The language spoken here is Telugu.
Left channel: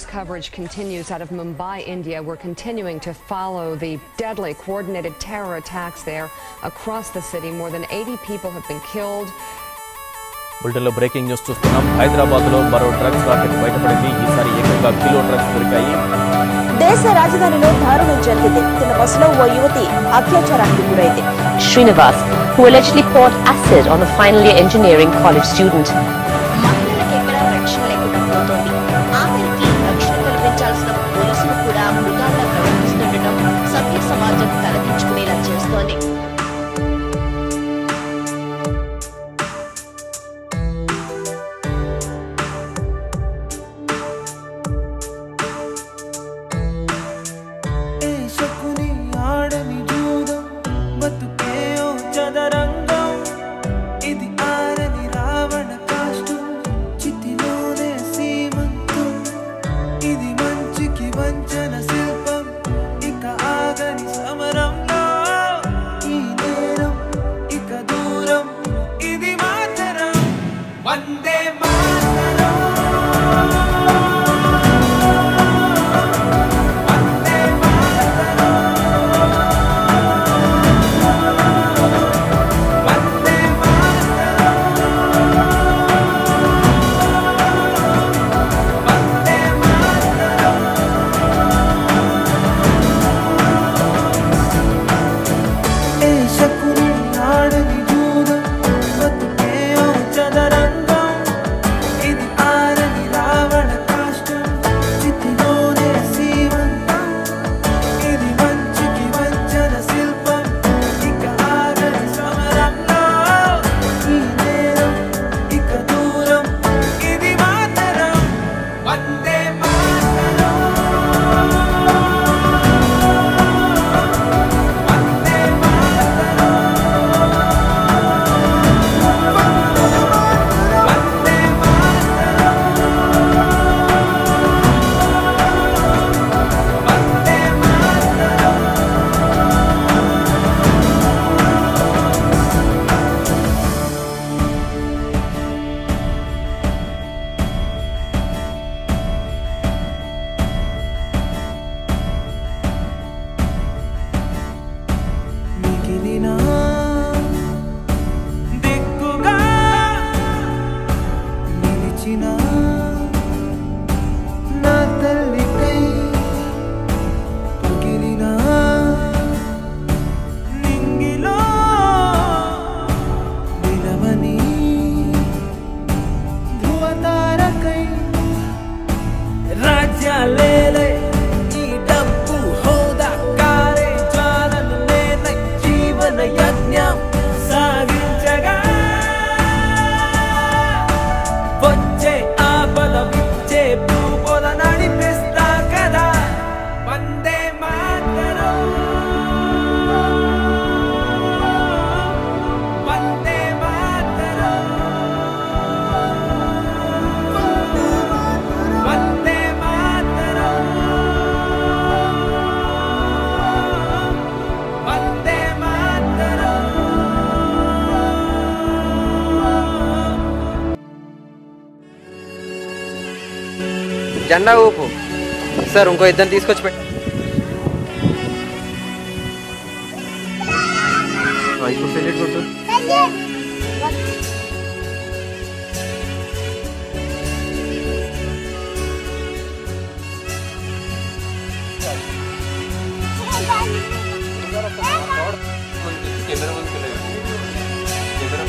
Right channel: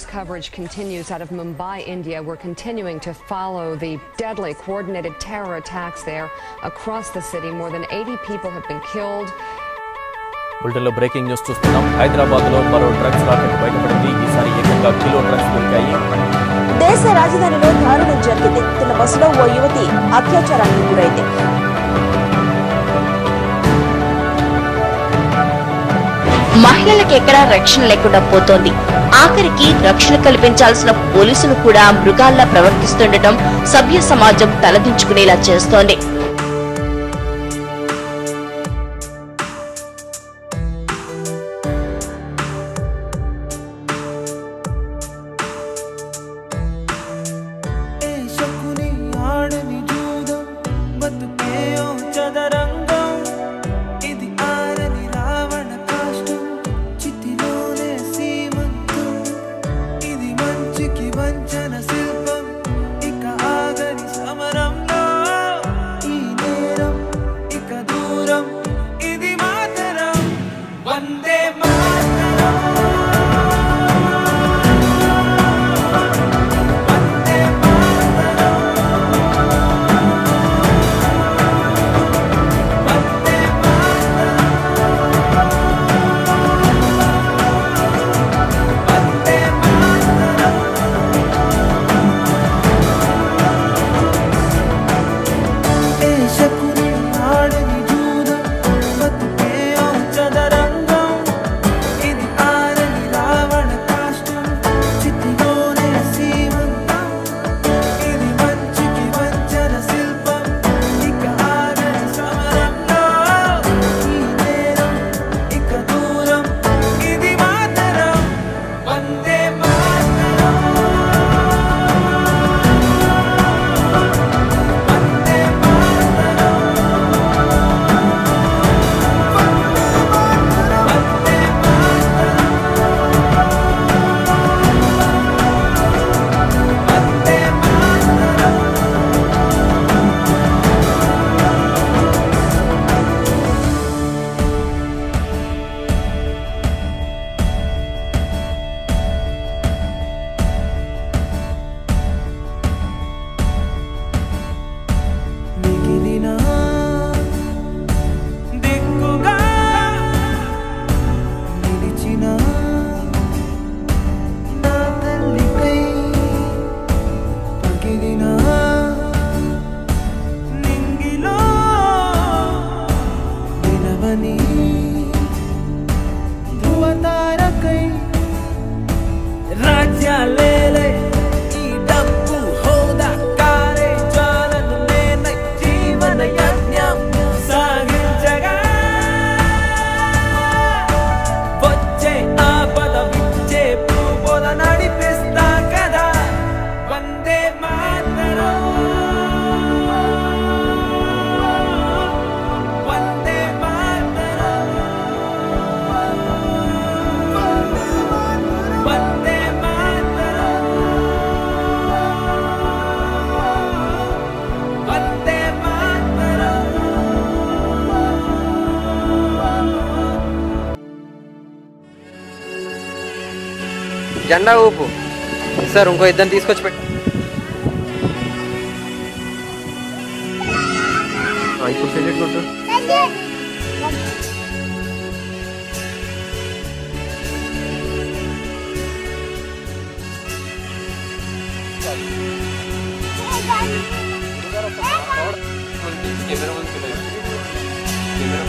News coverage continues out of Mumbai, India. We're continuing to follow the deadly coordinated terror attacks there across the city. More than 80 people have been killed. బులెటిన్లో బ్రేకింగ్ న్యూస్ చూస్తున్నాం. హైదరాబాద్లో మరో డ్రగ్స్ రాకెట్ బయటపడింది. ఈసారి ఏకంగా కిలో డ్రగ్స్ దొరికాయి. దేశ రాజధానిలో దారుణం జరిగింది. తన బస్సులో ఓ యువతి అత్యాచారానికి గురైంది. Srinivas, who allegedly poured acid on the final year engineering college student. మహిళలకు ఎక్కడా రక్షణ లేకుండా పోతోంది. ఆఖరికి రక్షణ కల్పించాల్సిన పోలీసులు కూడా మృగాల్లా ప్రవర్తిస్తుండటం సభ్య సమాజం తలదించుకునేలా చేస్తోంది. జెండా ఊపు సార్. ఇంకో ఇద్దరిని తీసుకొచ్చి పెట్ట. ఇప్పుడు సెల్యూట్ కొట్టు. కెమెరా